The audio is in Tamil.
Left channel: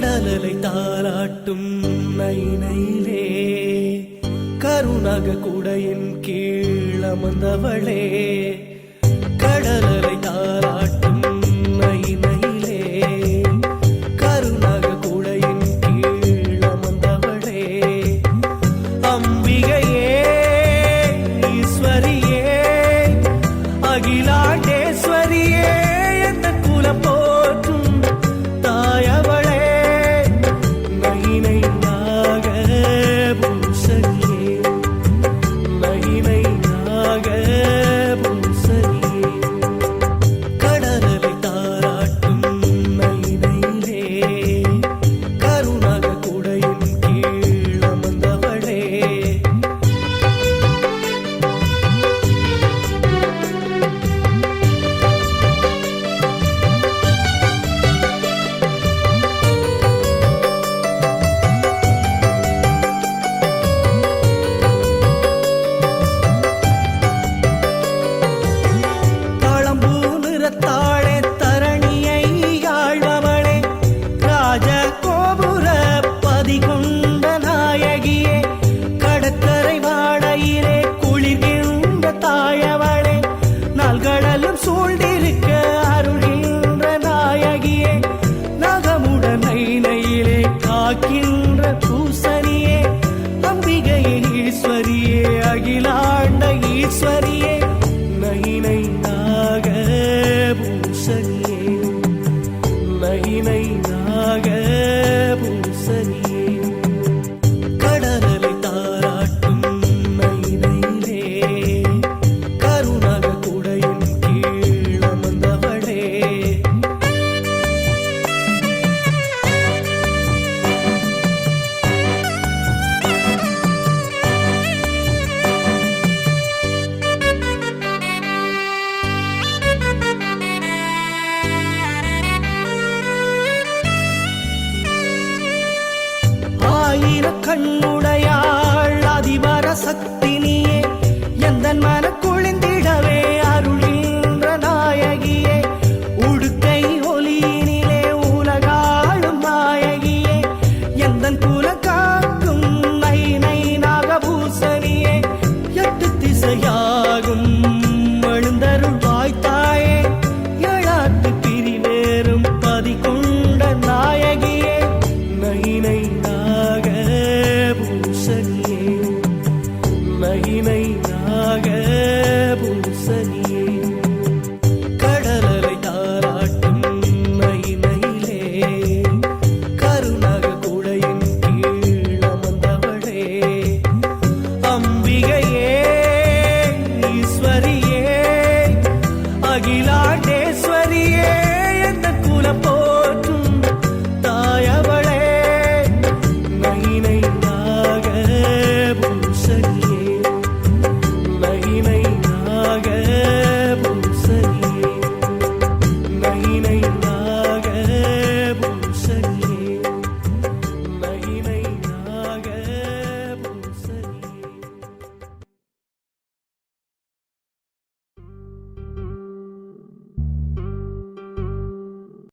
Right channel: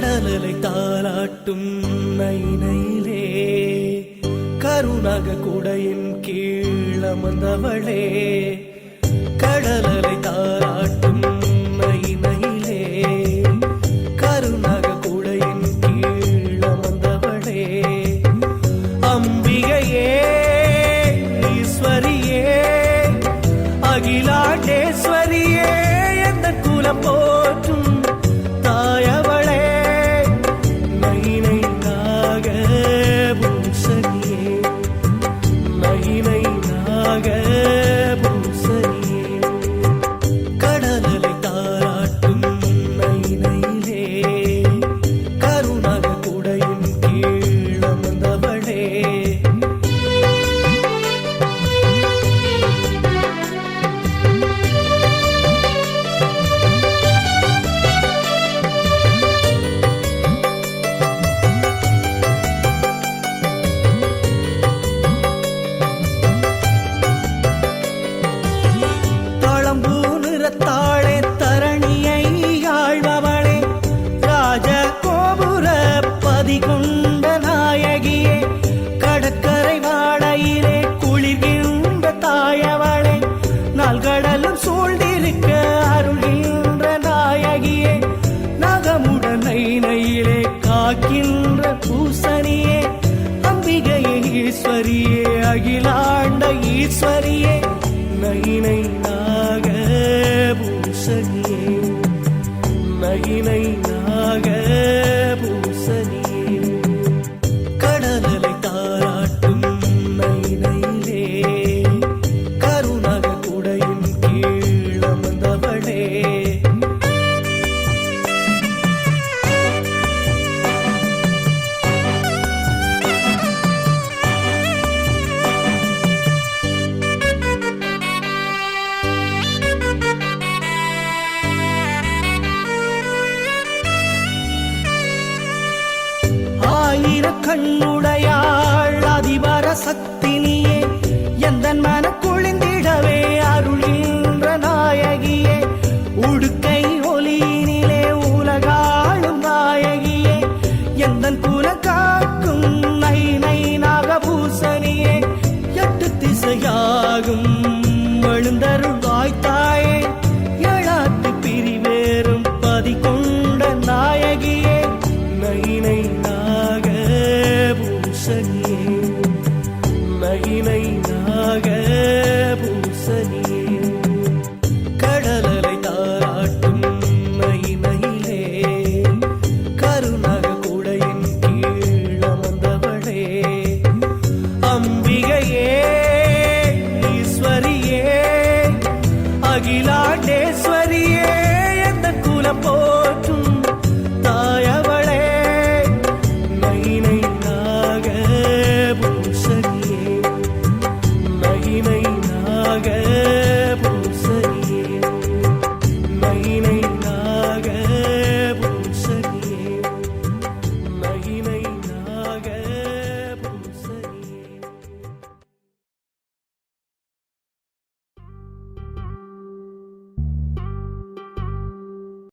கடலலை தாளாட்டும் நைனையிலே கருணாக குடையின் கீழமர்ந்தவளே. கடலலை தாளாட்டும் நைனையிலே கருணாக குடையின் கீழமர்ந்தவளே. அம்பிகையே ஈஸ்வரியே அகிலாண்டேஸ்வரியே எந்த குலம் போற்றும் தாயவளே. நயினை நாகபூசணியே நயினை நாகபூசணியே. கடலலை தாராட்டும் நயினையிலே கருணாக குடையின் கீழமர்ந்தவளே. தாளே தரணியை ஆழ்பவளே ராஜ கோபுர பதிகொண்ட நாயகியே. கடற்கரை வாடையிலே குளிர்கின்ற தாயவளே நாள்கடலும் சூழ்ந்திருக்க அருள்கின்ற நாயகியே. நகமுடன் நைனையிலே காக்கின்ற பூசணியே அம்பிகையே ஈஸ்வரியே அகிலாண்ட ஈஸ்வரியே. நயினை நாகபூசணியே நயினை நாகபூசணியே. கடலலை தாராட்டும் நயினையிலே கருணாக குடையின் கீழமர்ந்தவளே. ஆயிர கண்ணுடையாள் அதிபர சக்தினியே எந்தன் மன குளிந்திடவே அருள்கின்ற நாயகியே. உடுக்கை ஒலியினிலே உலகாளும் நாயகியே எந்தன் குல காக்கும் நைனை நாகபூசணியே. எட்டு திசையாகும் எழுந்தருள் வாய்த்தாயே ஏழாட்டு பிரிவேறும் பதிகொண்ட நாயகியே. நயினை நாகபூசணியே நயினை நாகபூசணியே. கடலலை தாராட்டும் நயினையிலே கருணாக குடையின் கீழமர்ந்தவளே. அம்பிகையே ஈஸ்வரியே அகிலாண்டேஸ்வரியே எந்த குலம் போற்றும் தாயவளே. நயினை நாகபூசணியே நயினை நாக